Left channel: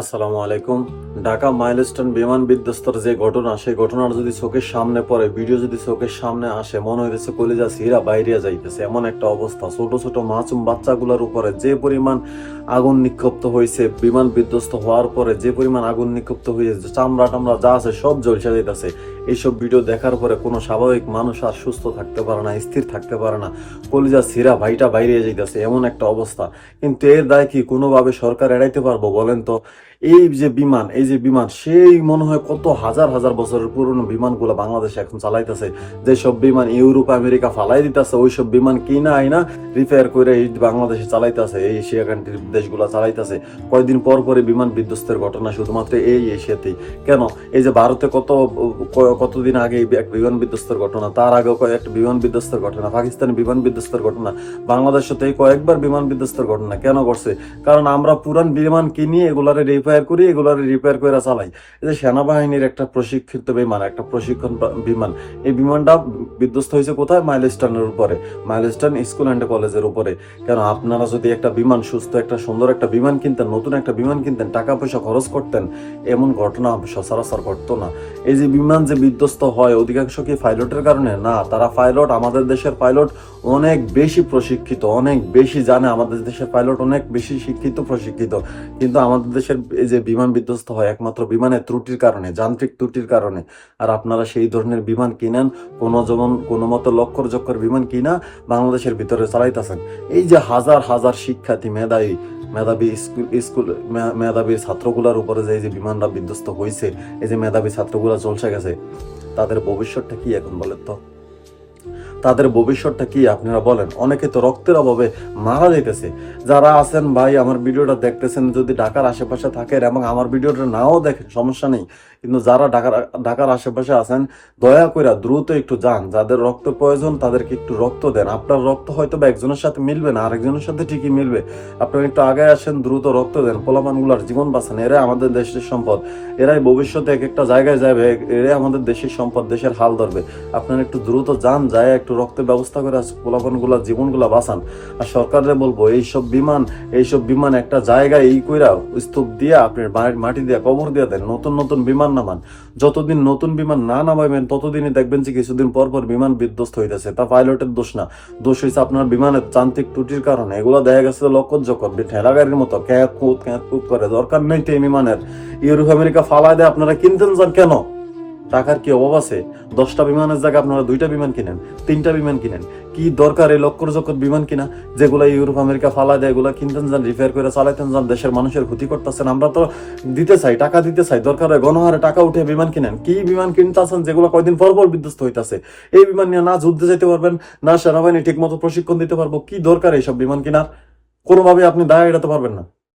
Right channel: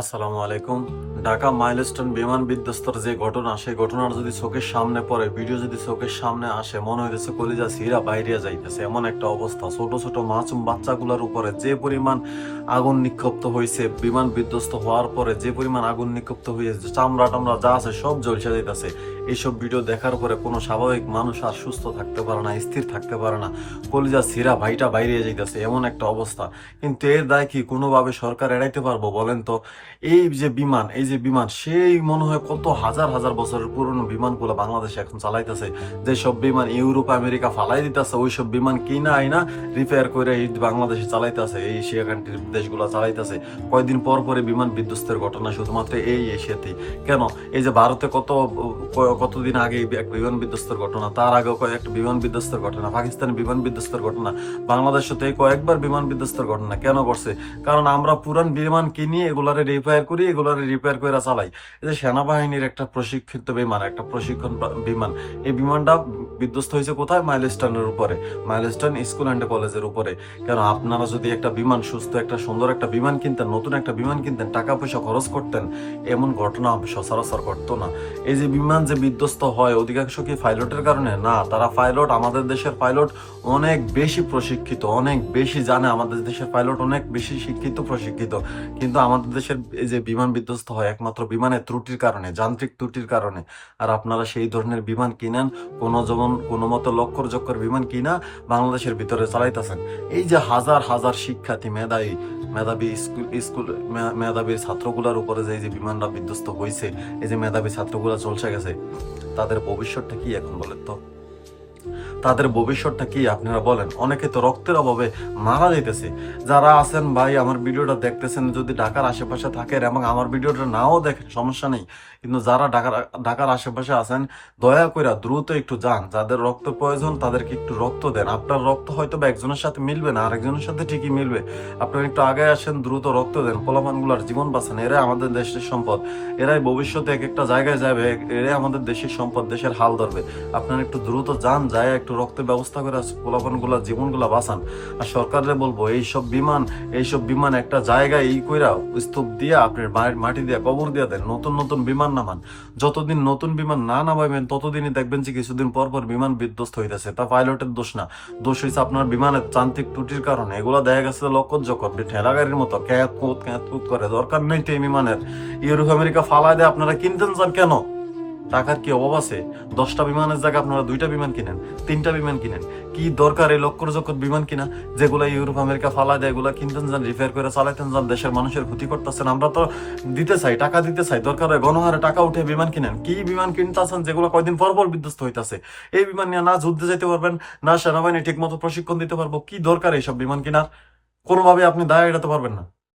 আসসালামু আলাইকুম। ঢাকা মাইলস্টোন বিমান বিধ্বস্তর যে ঘটনা, সেই ঘটনার যদি চোখের সামনে পড়ে, ভিডিও যদি চোখের সামনে আসে, মনে হইতেছে কলিজা সিরা বাইরিয়া যাইতেছে। এমন একটা অবস্থা। ছোট ছোট মাসুম বাচ্চাগুলোর উপরে যে পরিমাণ আগুন নিক্ষিপ্ত হয়েছে বিমান বিধ্বস্ত হওয়ার পরে, যে পরিমাণ আগুন নিক্ষিপ্ত হয়েছে চামড়া টামড়া যা আছে সব জ্বলসে যাইতেছে। এইসব ভিডিও দেখার পরে কোনো স্বাভাবিক মানুষ আর সুস্থ থাকতে পারে না, স্থির থাকতে পারে না। কলিজা সিরা ভাইটা বাইরে যাইতেছে। এমন একটা অবস্থা। কিন্তু এর দায় কি কোনোভাবে সরকার এড়াইতে পারব বলেন তো? এই যে বিমান, এই যে বিমান, সেই মনে হয় কত হাজার হাজার বছরের পুরনো বিমানগুলো বাংলাদেশে এখন চালাইতেছে। যেসব বিমান ইউরোপ, আমেরিকা ফালাই দিতেছে, ওইসব বিমান কিনা, আইনা রিপেয়ার করে এই বাংলাদেশে চালাইতেছে, এই এশিয়া কান্ট্রির দেশগুলো চালাইতেছে। কয়েকদিন পর পরে বিমান বিধ্বস্তের ঘটনা শুধুমাত্র এই এশিয়াতেই। কেন? এই যে ভারতে কত কতদিন আগে একটা বিমান বিধ্বস্তের ঘটনা, তার আগেও কয়েকটা বিমান বিধ্বস্তের ঘটনা, পাকিস্তানে বিমান বিধ্বস্তের ঘটনা, বাংলাদেশে তো এই কয়েকবার বিমান বিধ্বস্তের ঘটনা কেন করছে কারণ আমরা পুরান বিমান কিনি, এগুলারে রিপেয়ার করি, এগুলারে রিপেয়ার করে চালাই। এই যে সেনাবাহিনীর একটা প্রশিক্ষিত বিমান, একটা প্রশিক্ষণ বিমান, এই বিমানটা বিধ্বস্ত হয়েছে কোথায়? মাইলস্টোনের উপরে। মাইলস্টোন স্কুল অ্যান্ড কলেজের উপরে। কেন আপনারা যদি একটা বিমান, সুস্থ একটা, সুন্দর একটা বিমান কিনতেন, নতুন একটা বিমান কিনতেন টাকা পয়সা খরচ করতেন, এমন ঘটনা সচরাচর ঘটতো না। এই যে বিমান যে বিধ্বস্ত হয়, অধিকাংশ কি পাইলটের কারণে? না, তারা পাইলট, আমাদের দেশের পাইলট অনেক বেশি প্রশিক্ষিত, অনেক বেশি জানে, আমাদের দেশের পাইলট অনেক বেশি শিক্ষিত, প্রশিক্ষিত। কিন্তু আমাদের দেশের এই যে বিমান বিধ্বস্ত হয় একমাত্র বিমানের ত্রুটির কারণে, যান্ত্রিক ত্রুটির কারণে, আর আপনারা সেই ধরনের বিমান কিনেন, কোনো যেমন কোনো মতো লক্কর জক্কর বিমান কিনা বাংলাদেশের ভিতরে চালাইতেছেন। এই যে হাজার হাজার শিক্ষার্থী, মেধাবী মেধাবী স্কুল স্কুল মেধাবী ছাত্রগুলার উপরে যে এই যে বিমানটা বিধ্বস্ত হয়েছে এই যে মেধাবী ছাত্রগুলা চলছে গেছে, তাদের ভবিষ্যৎটা কি এখন বলেন তো? তাদের ভবিষ্যৎটা কি আপনারা বলেন? অনেকে তো রক্তের অভাবে মারা যাইতেছে। যারা আছেন ভাই, আমার ভিডিওটা দেখতেছেন, যদি ঢাকার আশেপাশে থাকেন এবং আমার ভিডিওটা নাও দেখেন, সমস্যা নেই। কিন্তু যারা ঢাকার ঢাকার আশেপাশে আছেন, দয়া করে দ্রুত একটু যান। যাদের রক্ত প্রয়োজন, তাদেরকে একটু রক্ত দেন। আপনার রক্ত হয়তো বা একজনের সাথে মিলবে না, আরেকজনের সাথে ঠিকই মিলবে। আপনারা একটু আগে আসেন, দ্রুত রক্ত দেন। পোলাপানগুলার জীবন বাঁচান, এরাই আমাদের দেশের সম্পদ। এরাই ভবিষ্যতে এক একটা জায়গায় যাবে, এরাই আমাদের দেশের সম্পদ, দেশের হাল ধরবে। আপনারা একটু দ্রুত যান যায় একটু রক্তের ব্যবস্থা করে পোলাপানগুলা, জীবনগুলা বাঁচান। আর সরকারে বলব, এইসব বিমান এইসব বিমান একটা জায়গায় এই কইরা স্তূপ দিয়ে, আপনার বাড়ির মাটি দিয়া, কবর দিয়া দেন, নতুন নতুন বিমান নামান। যতদিন নতুন বিমান না নামাইবেন, ততদিনই দেখবেন যে কিছুদিন পর পর বিমান বিধ্বস্ত হইতেছে, তা পাইলটের দোষ না। দোষ হয়েছে আপনার বিমানের যান্ত্রিক ত্রুটির কারণে। এগুলো দেখা গেছে লক্ষ জকর ঠেলা গাড়ির মতো ক্যাত কুত ক্যাঁত কুত করে। দরকার নেই তো এই বিমানের। ইউরোপ, আমেরিকা ফালায় দেয়, আপনারা কিনতেন যান কেন? টাকার কি অভাব আছে? দশটা বিমানের জায়গায় আপনারা দুইটা বিমান কিনেন, তিনটা বিমান কিনেন। কি দরকার এই লক্কর জকর বিমান কিনা? যেগুলা ইউরোপ, আমেরিকা ফালায় দেয়, এগুলা কিনতেন যান রিপেয়ার করে চালাইতেন যান, দেশের মানুষের ক্ষতি করতেছেন। আমরা তো দিতে চাই, টাকা দিতে চাই, দরকার হয় গণহারে টাকা উঠে বিমান কিনেন। কি বিমান কিনতেছেন যেগুলো কয়দিন পর পর বিধ্বস্ত হইতাছে? এই বিমান নিয়ে না যুদ্ধে যেতে পারবেন, না সেনাবাহিনী ঠিক মতো প্রশিক্ষণ দিতে পারব, কি দরকার এইসব বিমান কিনার? কোনোভাবে আপনি দায় এড়াতে পারবেন না।